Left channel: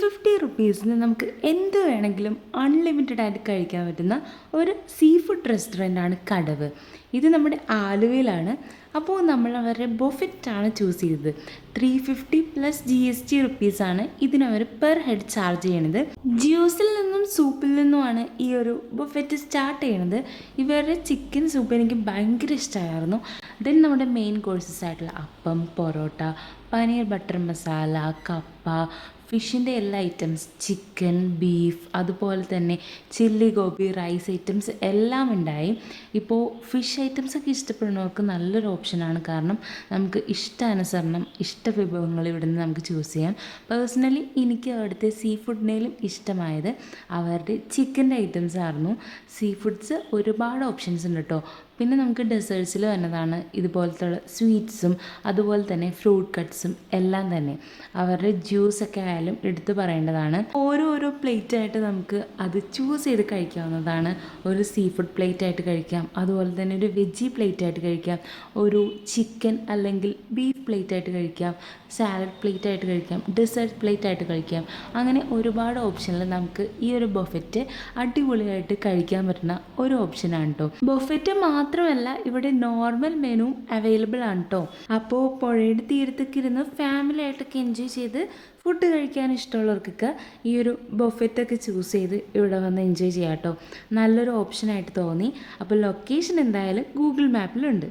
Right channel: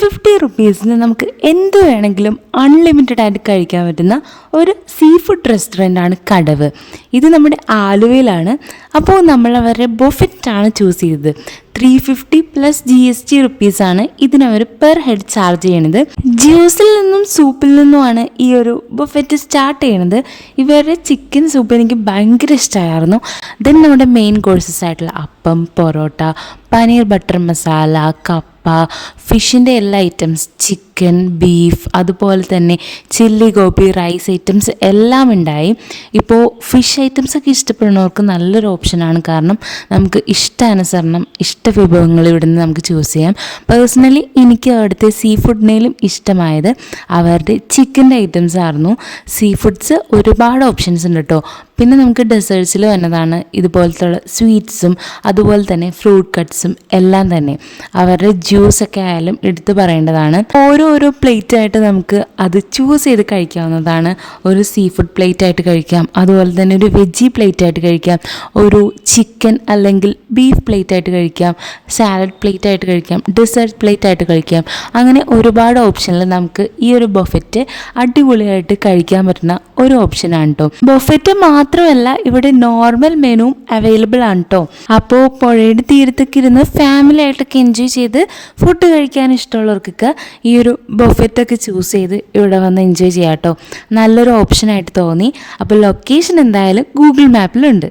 ₹350 നമുക്ക് എന്ത് വേണമെങ്കിലും അൺലിമിറ്റഡ് ആയിട്ട് കഴിക്കാൻ പറ്റുന്ന ഒരു സീ ഫുഡ് റെസ്റ്റോറൻ്റാണ് കടവ്. ഇത് നമ്മുടെ ആലുവയിലാണ്. അപ്പോൾ നമ്മൾ അവരുടെ ബൊഫറ്റാണ് ചൂസ് ചെയ്തത്. 350 പ്ലസ് GST ആണ് ഇതിനവർ പെർ ഹെഡ് ചാർജ് ചെയ്യണത്. ജ്യൂസിൽ നിന്നും സൂപ്പിൽ നിന്നുമാണ് ഈ ഒരു ബൊഫറ്റ് സ്റ്റാർട്ട് ചെയ്യണത്. ഇവരുടെ ചിക്കൻ സൂപ്പ് എനിക്ക് ഭയങ്കര ഇഷ്ടമായിരുന്നു. ദെൻ നമ്മുടെ മെയിൻ കോഴ്സസ് ആയിട്ടുള്ള അപ്പം, പൊറോട്ട, പനീർ ബട്ടർ മസാല, കപ്പ, ഫിഷിൻ്റെ എല്ലാ ഐറ്റംസ്, ചിക്കൻ, ബീഫ്, അതുപോലെ തന്നെ ചില്ലി ഗോപി, റൈസ് ഐറ്റംസ് എല്ലാം ഉണ്ടായി. ഇപ്പോൾ ഫിഷ് ഐറ്റംസൊക്കെ ഇഷ്ടപ്പെടുന്നവർക്ക് നല്ലൊരു ഓപ്ഷനാണ്. കാരണം നമുക്ക് ഇഷ്ടാനുസരണം വിഭവങ്ങൾ ഇവിടെ നിന്ന് നമുക്ക് ചൂസ് ചെയ്യാം. പേഴ്സണലി എനിക്ക് അവിടുത്തെ സീ ഫുഡിനേലും ഇഷ്ടമായത് അവരുടെ ചിക്കൻ്റെ ഐറ്റംസ് ആയിരുന്നു. സീ ഫുഡ്സ് ഒരുപാട് ഓപ്ഷൻസ് ഉണ്ട് കേട്ടോ. പിന്നെ നമുക്ക് ഡെസേർട്സിൽ വന്നതാണ് ഇതുപോലത്തെ സ്വീറ്റ്സും അതുപോലെ തന്നെ ഫ്രൂട്ട് കട്ട്സും എല്ലാം തന്നെ. അവരുടെ ജ്യൂസൊക്കെ ആയാലും എടുത്തു പറയേണ്ടതാണ്. ഓരോ പ്ലേറ്റ് ആയിട്ട് നമുക്ക് അത് ചൂസ് ചെയ്ത് കഴിക്കാവുന്നതാണ്. ഒരു സീ ഫുഡ് പ്ലേറ്റ് ആയിട്ട് കഴിക്കാം, അതുപോലെ തന്നെ ഒരു വെജി പ്ലേറ്റ് ആയിട്ട് കഴിക്കാം, ഒരു ചിക്കൻ അല്ലെങ്കിൽ ബീഫ് പ്ലേറ്റ് ആയിട്ട് കഴിക്കാം, സാലഡ് പ്ലേറ്റ് ആയിട്ട് കഴിക്കാം, ഡെസേർട്ട് പ്ലേറ്റ് ആയിട്ട് കഴിക്കാം. അങ്ങനെ ഒരുപാട് ഓപ്ഷനിൽ നമുക്ക് ഈ ഒരു ബൊഫറ്റ് അടിപൊളിയായിട്ട് കഴിക്കാൻ പറ്റുന്ന ഒരു ഓപ്ഷനാണ് കേട്ടോ. ബൊഫറ്റ് മാത്രമല്ല, ഇവിടെ നോർമൽ മെനുവും അവൈലബിൾ ആണ് കേട്ടോ. അപ്പോൾ പുഴയുടെ തീരത്തൊക്കെ ഇരുന്ന് ഫാമിലി ആയിട്ടൊക്കെ എൻജോയ് ചെയ്ത് ഫുഡ് കഴിക്കാൻ ഇഷ്ടമുള്ളവർക്കൊക്കെ ഈ ഒരു ബൊഫറ്റൊക്കെ ചൂസ് ചെയ്ത് ഇവിടെ വന്ന് എൻജോയ് ചെയ്യാം കേട്ടോ. നല്ലൊരു ഓപ്ഷനായിട്ട് തോന്നി. അപ്പോൾ ലൊക്കേഷൻ എന്തായാലും ഗൂഗിൾ മാപ്പിലുണ്ട്.